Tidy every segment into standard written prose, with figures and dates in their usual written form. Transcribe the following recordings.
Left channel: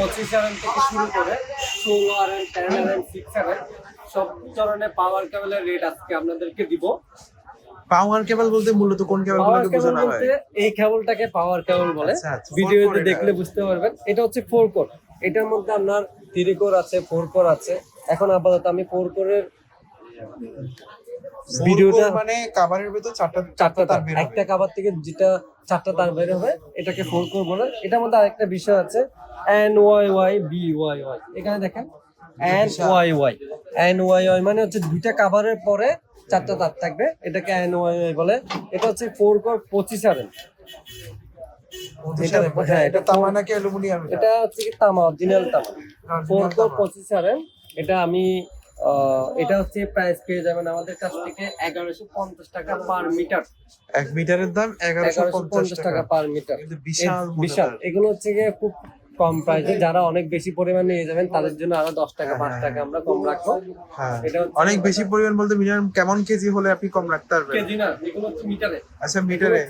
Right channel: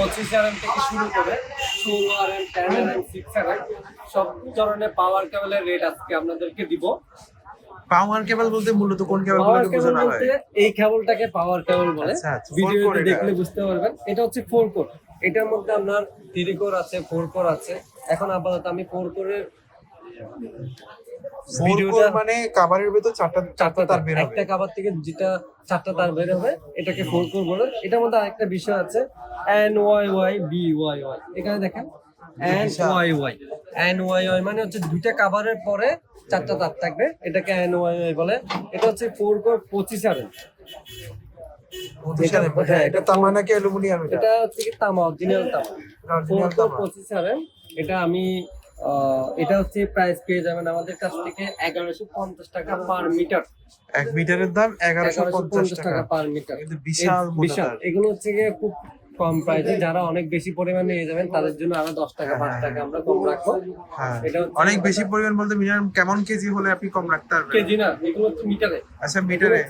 25 RM থেকে শুরু করে 16 RM, 10 RM, 6 RM সব ধরনের পাওয়ার কেবলের রেট আজকে আপনাদেরকে দিব। পাওয়ার কেবল বলতে মূলত কোন কেবলগুলোকে বোঝানো হয়? এই কেবলটাকে পাওয়ার কেবল বলে। আচ্ছা, আচ্ছা, ভিডিওতে 4 core দেখলে এটা। বুঝতে পারবেন। এটা হচ্ছে 4 কোর। এটার মধ্যে আপনার 3 কোর আছে, 4 কোর আছে। এখন আপাতত আমি 4 কোরের 4 কোর মানে কভারের ভিতর চারটা তার বের হবে। একটা কভার থেকে যেটা 4টা তার বের হবে এটাকে 4 কোর বলে। এটার মধ্যে আরেকটা বিষয় আছে NYY BYY। এখানে দেখেন NYY NYY মানে হচ্ছে দুইটা কভারের পরে 4টা তার থাকবে, এটাকে NYY বলে। এটা হচ্ছে 4 কোর 25 RM। এটা তামা নাকি অ্যালুমিনিয়াম? এটা হচ্ছে কি তামা, অরিজিনাল তামা। 4 কোর 25 RM। এটা আমি এটা হচ্ছে প্রাইস পেয়ে যাবেন আমাদের কাছ থেকে 1150 টাকা পার মিটার। 1 মিটারের দাম 1150 টাকা পার মিটার। কিন্তু বিশাল মোটা তার। এগুলো হচ্ছে গিয়ে খুব কম প্রাইসে, যারা অনেক বেশি পরিমাণ নিয়ে যাবেন তাদের জন্য আরো 10 টাকা 5 টাকা আমরা কম রাখবো। হ্যাঁ, এটা হচ্ছে অনেক বেশি পরিমাণ বলতে মিনিমাম কেমন কেজি হলে আপনি কম রাখতে পারবেন? কেজি না, এগুলো হচ্ছে মিটারে। আচ্ছা, মিটারে।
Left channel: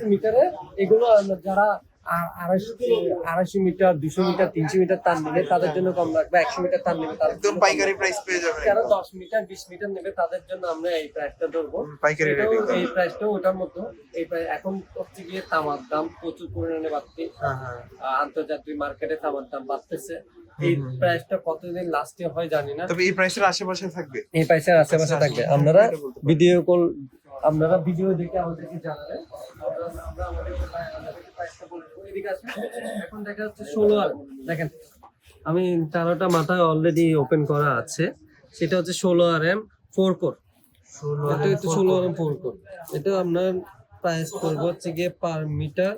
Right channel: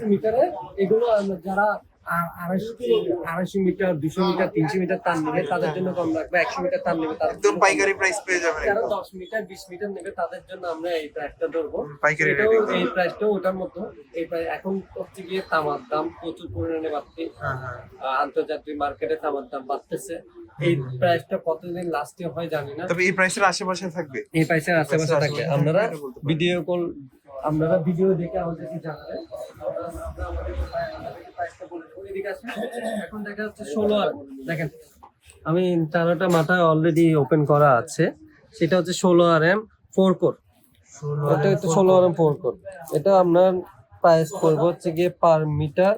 এগুলো যারা 250 মিটার, 200 মিটার, 300 মিটার তার নেবে তাদের জন্য কম রাখবে। 100 মিটার তার নেবে তাদের একদম পাইকারি প্রাইস পেয়ে যাবেন। যারা একদম 10 মিটার 20 মিটার নেবে তাদের জন্য আমরা এই প্রাইসটা ধরবো। পাইকারি এটাও রেটে। এই প্রাইসটাও ওটার মতো। এই প্রাইস এখন হচ্ছে গিয়ে তামার দাম প্রচুর পরিমাণে বাড়ছে। আন্তর্জাতিক মার্কেটে তামার দাম বাড়তেছে। এই প্রাইসটা কতদিন লাস্টে হয় জানি না, তবে এই প্রাইসের আশেপাশে থাকবে। এই প্রাইসের আশেপাশে থাকবে। আপনারা ভিডিও দেখে আমাদেরকে জানাবেন। আমরা আমাদেরকে প্রাইসটা বলে দেবো। এদিকে আসেন। এখন দেখা যাচ্ছে 16 RM। দেখেন আমি চারোটা মাথায় অলরেডি ওপেন করা আছে। সেটা হচ্ছে 16 RM 4 কোর। এটা হচ্ছে 16 RM 4 কোর। এটা আপনার প্রাইস পড়বে হচ্ছে গিয়ে পার মিটার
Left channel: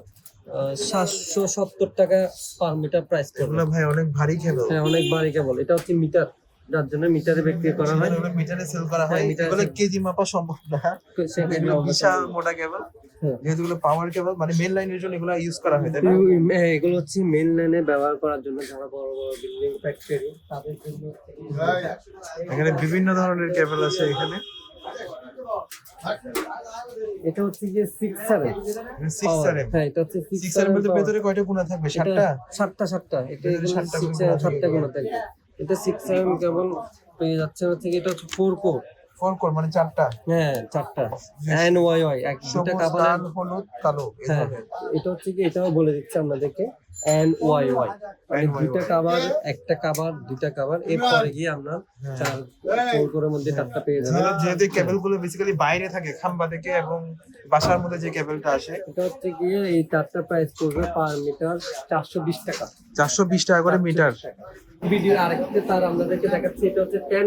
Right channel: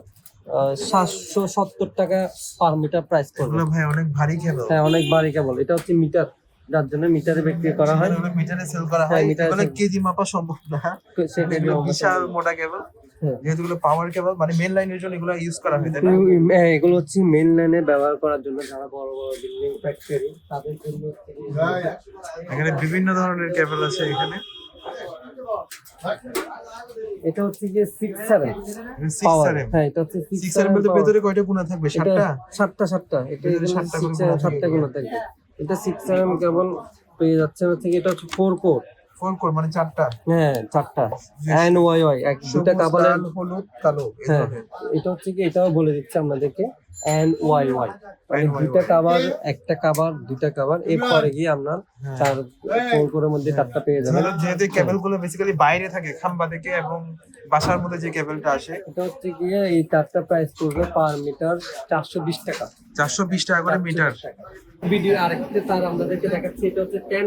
770 টাকা পার মিটার প্রাইস পড়বে। এগুলো ভাই অনেক ভারী কেবল। হ্যাঁ, অনেক ভারী কেবল। এটা হচ্ছে মিটার, যার জন্য মিটারে বিক্রি করা হয়। এগুলো মিটারে সেল করা হয়। এগুলো কেজি মাপা সম্ভব না। এগুলো বিশাল মোটা কেবল। যেহেতু এগুলো পাওয়ার কেবল, মানে মেইন লাইনের জন্য এগুলো ইউজ করা হয়, তাই না? হ্যাঁ, এগুলো হচ্ছে মেইন লাইনে ব্যবহার করার জন্য, যারা বড় বড় বিল্ডিং ফ্যাক্টরি তাদের জন্য। এখানে বিভিন্ন ধরনের কেবল আছে এখানে। এটা হচ্ছে যে 6 RM 6 RM। হ্যাঁ, এটা হচ্ছে 6 RM বলতে ভেতরে কয়টা কোণা থাকবে? 7টা। 7টা। এটা ভেতরে 7টা করে কোণা 7টা কোণা থাকবে। এটা 6 RM কেবল পেয়ে যাচ্ছে হচ্ছে কি, এটা হচ্ছে 4 কোর। 4 কোর মানে 4টা। হ্যাঁ, 4টা NYY দুটা কাভার। লাল, হলুদ, কালো। হ্যাঁ, এটা হচ্ছে কি, এটাও বলে দিচ্ছি আপনাদেরকে NYY মানে দুটা কাভার, একটা কাভার, দুটা কাভার। এরপরে গিয়ে আমরা 4 কোরের মধ্যে 4টা পেয়ে যাবেন। যেহেতু কেবলগুলো বেসিক্যালি বাইরে থাকে খাম্বা থেকে এবং বাসার মধ্যে যে কেবলটা আসে, এটা হচ্ছে গিয়ে এই 4টা প্রাইস পড়বে পার মিটার 420 টাকা। 420 টাকা করে মিটার। ভিডিও আরেকটা তার আপনাদেরকে দেখাচ্ছি। এটা হচ্ছে 10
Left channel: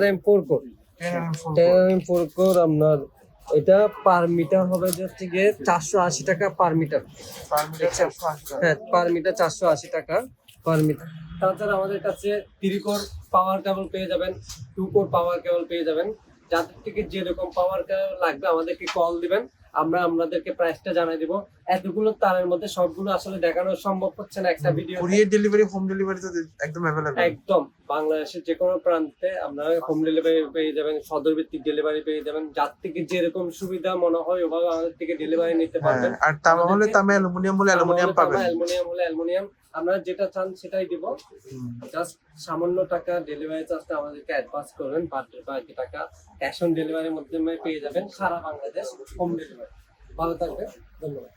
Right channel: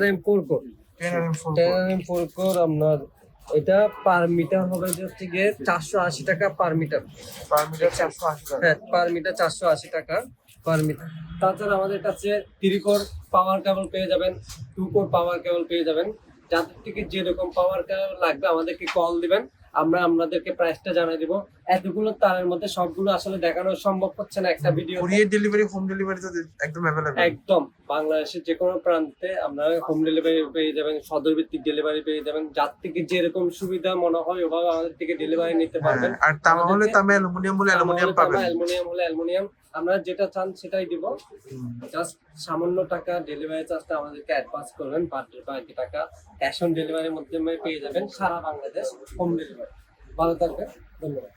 RM 4 core. 10 RM 10 RM 4 core আপনার এটা পার মিটার হবে হচ্ছে গিয়ে 480 টাকা পার মিটার। পার মিটার 480 টাকা। হ্যাঁ, পার মিটার 480 টাকা পার মিটার। তাছাড়া আমাদের কাছে 3 কোর পাওয়ার কেবল পেয়ে যাবেন, 2 কোর পাওয়ার কেবল পেয়ে যাবেন। যাদের থেকে যেরকম পাওয়ার কেবল লাগবে আমাদেরকে কল দিবেন, আমরা আপনাদেরকে প্রাইসটা জানাই দিব। এতগুলো তারের মধ্যে সবগুলো আসলে দেখানো সম্ভব হচ্ছে না একটা video. Courier delivery, home delivery তো একদম अवेलेबल। একদম বাংলাদেশের যে কোনো প্রান্তে আপনারা হোম ডেলিভারি পেয়ে যাবেন, সদর ভিত্তিক ডেলিভারি পেয়ে যাবেন। যার থেকে যেরকম সুবিধা মনে হয় ওভাবে আমাদের থেকে ডেলিভারি নিতে পারবেন। আর তামা হলে তামা, অ্যালুমিনিয়াম হলে অ্যালুমিনিয়াম পাবেন। অ্যালুমিনিয়াম হলে অ্যালুমিনিয়াম। আমরা যেটা চান সেটাই দিব। জাস্ট সামান্য টাকা ডেলিভারি চার্জটা আমাদেরকে অ্যাডভান্স করবেন। বাকি টাকা ক্যাশ অন ডেলিভারির মাধ্যমে পেয়ে যাবেন সারা বাংলাদেশ হোম ডেলিভারি। ভালো থাকবেন, ধন্যবাদ।